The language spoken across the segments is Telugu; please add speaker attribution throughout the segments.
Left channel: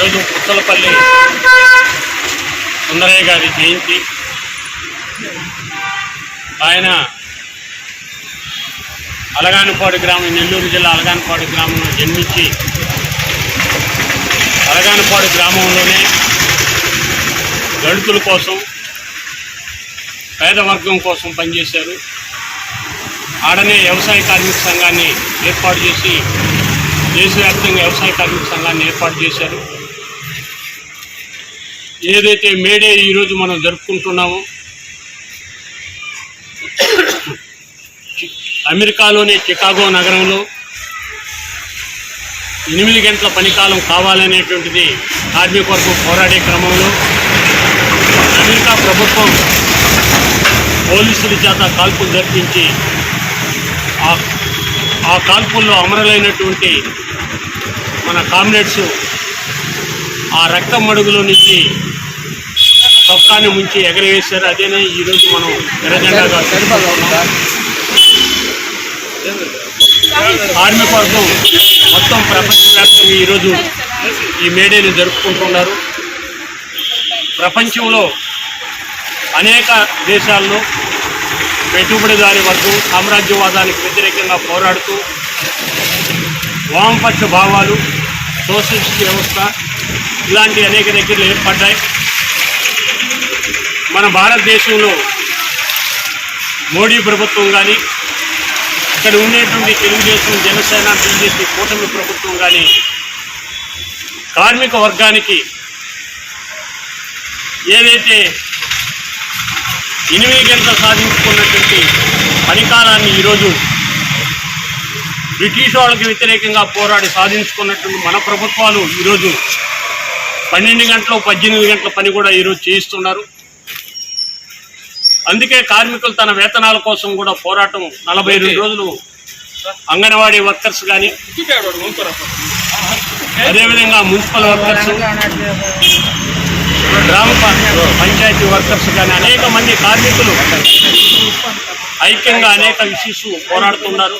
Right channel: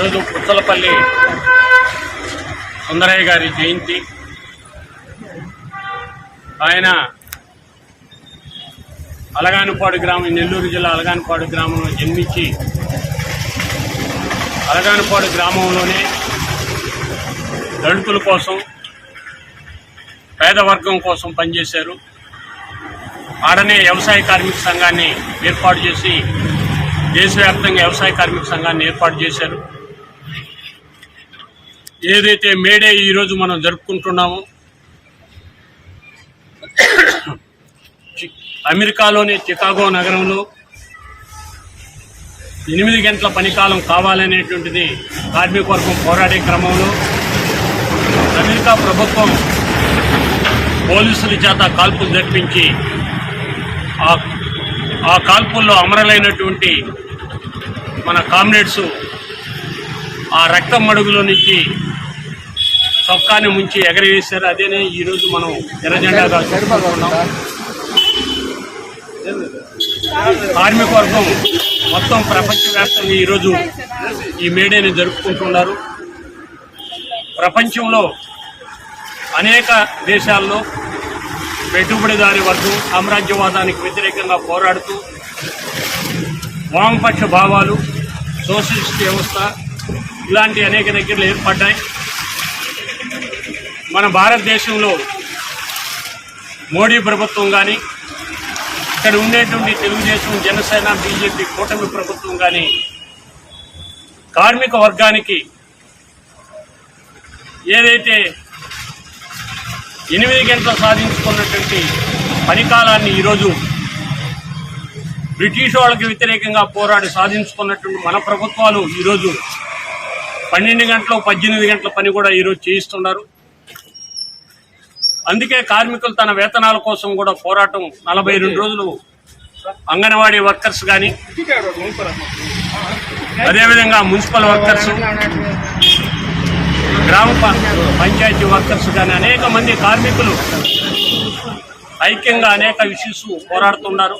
Speaker 1: పూతలపల్లి సుందరయ్య గారి జయంతి. ఆయన అలగానపాడు గ్రామం నెల్లూరు జిల్లా అలగానపాడు గ్రామంలో జన్మించి అలగానపాడు గ్రామంలోనే దళితుల కోసం పేదవర్గం కోసం పనిచేశారు. ఆడనే వ్యవసాయ కార్మిక సంఘాన్ని ఏర్పాటు చేసి దేశవ్యాప్తంగా వ్యవసాయ కార్మిక సంఘాన్ని ఏర్పాటు చేశారు. ఏదైతే మేడే ఈరోజు మనం జరుపుకుంటున్నామో అమెరికాలోని చికాగో నగరంలో ఎనిమిది గంటల పనికాలం కావాలనేటువంటిది కార్మిక వర్గం పోరాడే క్రమంలో అమెరికా ప్రభుత్వం పోలీసుల చేత కాల్పులు జరిపించి ఆ కాల్పుల్లో అమరులైనటువంటి మన కామ్రేడ్స్ ఆ రక్తం మడుగులో నుంచి సొక్కాన్ని ముంచి ఎగరేశారు. అదేనే ఈరోజు మనం ఎర్రజెండాగా జరుపుకుంటున్నాం కార్మిక వర్గం మొత్తం ప్రపంచవ్యాప్తంగా ఈరోజు ఈ మేడేని జరుపుకుంటున్నారు. ప్రపంచంలో అనేక దేశాల్లో పెట్టుబడిదారి వర్గం సామ్రాజ్యవాదానికి వ్యతిరేకంగా పోరాడుతూ వామపక్ష భావాలు సోషలిస్ట్ వ్యవస్థ ఇలాంటి అనేక దగ్గరలు ఏర్పడ్డాయి. మన భారతదేశంలో మోడీ ప్రభుత్వం కానీ ఇక్కడ ఉండేటువంటి తెలుగుదేశం జనసేన బీజేపీ కూటమి ప్రభుత్వం కానీ కార్మిక వర్గానికి ఏదైతే ఎనిమిది గంటలు సాధించుకున్నటువంటి పనికాలాన్ని ఈరోజు బ్రిటిష్ వాళ్ళకి వ్యతిరేకంగా పోరాడి సాధించుకున్నటువంటి మన ప్రభుత్వాలు ఈరోజు పన్నెండు గంటలు పద్దెనిమిది గంటల పని కూడా ఈరోజు చేయిస్తున్నారు. అందుకే కార్మికులు తన వేతనాల కోసం కూడా పోరాటం నలభై రెండు రోజులు అంగన్వాడీ వర్కర్స్ కానీ అదేవిధంగా మున్సిపల్ వర్కర్స్ గ్రామ పంచాయతీ వర్కర్స్ కానీ అనేక మంది కార్మికులు ఐక్యంగా అనేక ఇష్యూస్ పోరాడుతున్నారు.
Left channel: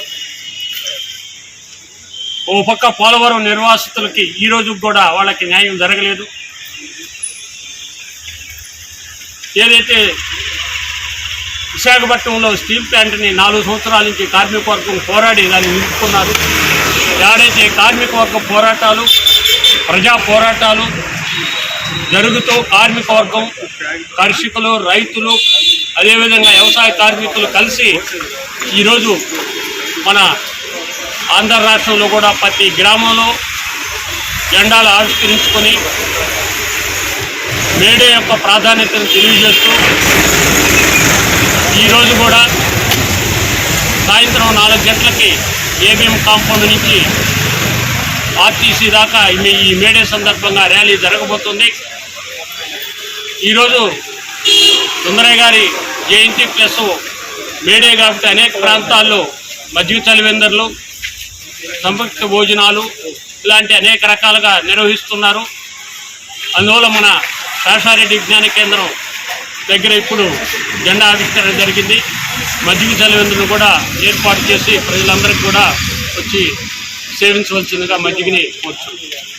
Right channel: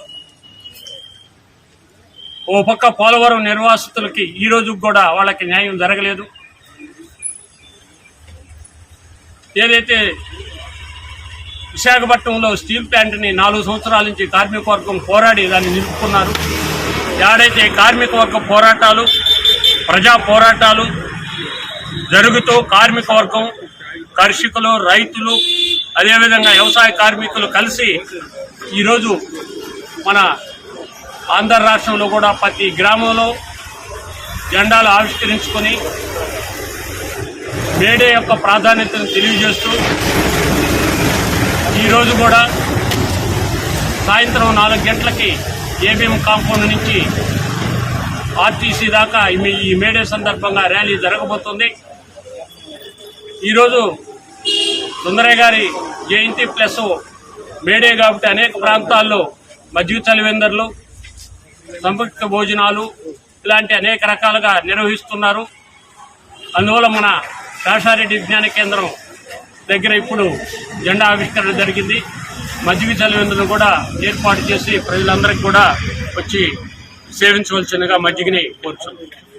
Speaker 1: ఓ పక్క పోలవరం నిర్వాసితులకి ఈ రోజు కూడా వాళ్ళకి న్యాయం జరగలేదు. ఏదైతే విశాఖపట్నంలో స్టీల్ ప్లాంట్ని నాలుగు సంవత్సరాల నుంచి కార్మికవర్గం పోరాడి దాన్ని నిలుపుకున్నారు. ఏడైతే కార్మికవర్గ పోరాటాలు ప్రజా పోరాటాలు జరుగుతూ కార్మికవర్గం కర్షకులు రైతులు అదేవిధంగా వ్యవసాయ కార్మికులు కలిసి ఈరోజు మన ఆంధ్ర రాష్ట్రంలో కూడా ప్రతి గ్రామంలో జెండాలు ఆవిష్కరించుకొని మేడే యొక్క ప్రాధాన్యతను తెలియజేస్తూ ఈరోజు కూడా సాయంత్రం నాలుగు గంటలకి ఏబిఎం కాంపౌండ్ నుంచి ఆర్టీసీ దాకా ఈ ఈ మేడే సందర్భంగా ర్యాలీ జరగబోతుంది. ఈరోజు సుందరయ్య గారి జయంతి ప్లస్ మేడే కాబట్టి అనేక ప్రాంతాల్లో మధ్య చలివెందర్లు సంయుక్త భోజనాలు ఇలాంటి అనేక రకాలుగా నిర్వహిస్తున్నారు. అందువల్ల మన శాషారెడ్డి విజ్ఞాన కేంద్రం దగ్గర ఇప్పుడు జెండా ఆవిష్కరణ జరిగింది. మజ్జిగ చలివెందును కూడా ఏర్పాటు చేసి ప్రజలందరికీ కూడా వచ్చి సేవించవలసిందిగా మజ్జిగని కోరుచున్నాం.